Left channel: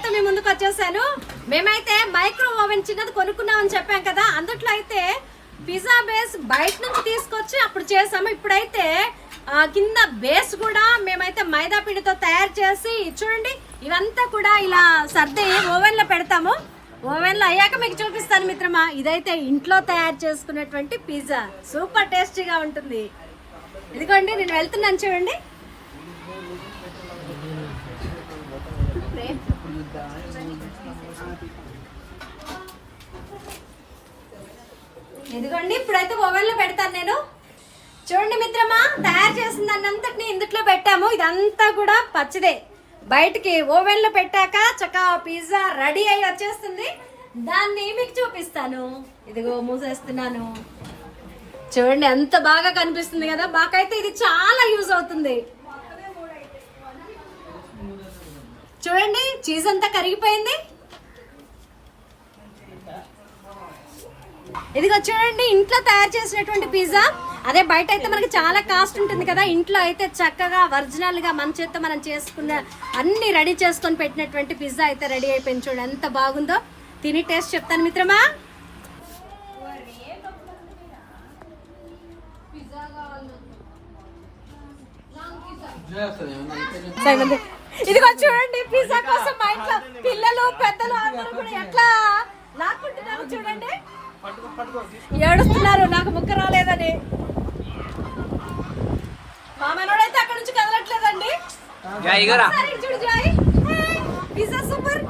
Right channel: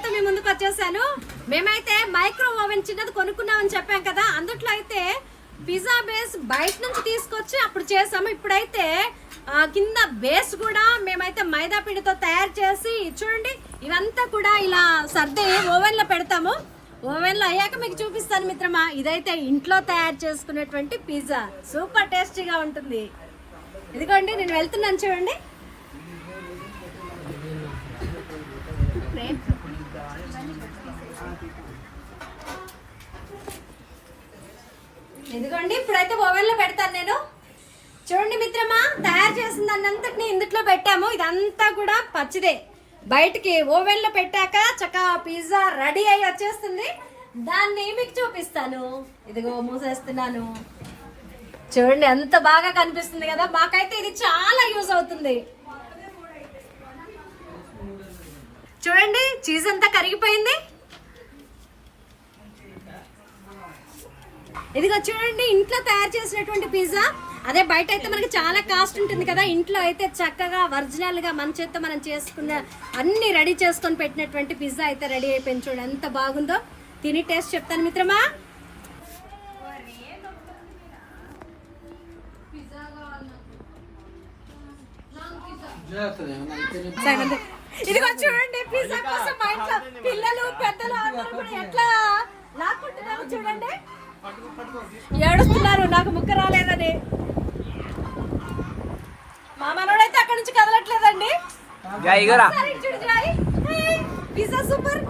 అయితే మీ ముందుకు వచ్చేసాను. మేమైతే మైక్రో ఓవెన్ చిన్నది కొనుక్కున్నామని చెప్పాం కదా. అందుట్లో అయితే పిజ్జా బేస్ బయట నుంచి తీసుకొచ్చి అప్పుడు చేసాము. ఇప్పుడైతే కింద బేస్ కూడా మేమైతే మైదా పిండితో తయారు చేసి చూడండి ఇవంతా కూడా ఇలా సర్ది ఓవెన్లో పెడతాము. ఓవెన్లో అయ్యాక మీకు చూపిస్తాను మిత్రమా. ఇదైతే ఇంట్లో తయారు చేసుకునేటువంటి పిజ్జా. సూపర్ టేస్టీగా ఉంటుంది. ఇదిగోండి నేను వెళ్తున్నాను చూడండి. ఇదిగోండి ఇప్పుడైతే ఓవెన్లో పెడతాను నేను. చూడండి మిత్రమా తయారు చేసిన దాన్నంతటిని ఇందుట్లో పెట్టాము. ఇదంతా కూడా పచ్చిదే బయటికి ఓవెన్లో పెట్టాక చక్కగా పిజ్జా రెడీ అయ్యి వచ్చేస్తుంది. దాన్ని మీకు చూపిస్తాను. ఇదిగో మూసేస్తున్నాను. చూడండి ఎంత బాగా కనిపిస్తుంది కదా. మాకైతే ఇది చాలా యూజ్ అవుతుంది. చూడండి చీజ్ అంతా కరిగిపోయింది. ఇదిగో చూడండి ఇంట్లో తయారు చేసినటువంటి పిజ్జా అదే బయట అయితే మనకి చాలా కాస్ట్ ఉంటుంది కదా. ఇంట్లో అయితే చక్కగా ఒరిజినల్గా మన చేత్తో మనం చేసుకున్న అన్ని రెడీ చేసుకొని పెట్టినటువంటి పిజ్జా అయితే రెడీ అయిపోయింది. చూడండి ఎంత బాగుందో. తిని టేస్ట్ చెప్తాను మిత్రమా. సరే. ఇదిగో చూడండి పిజ్జా కోసం మా ఇంట్లో పిల్లలు పెద్దలు అందరూ కూడా ఎట్లా లాక్కుంటున్నారు చూడండి. ఏడుస్తున్నారు నాకు ముక్క రాలేదని. మా మనోడైతే నుంచి కదలట్లేదండి. Pizza super.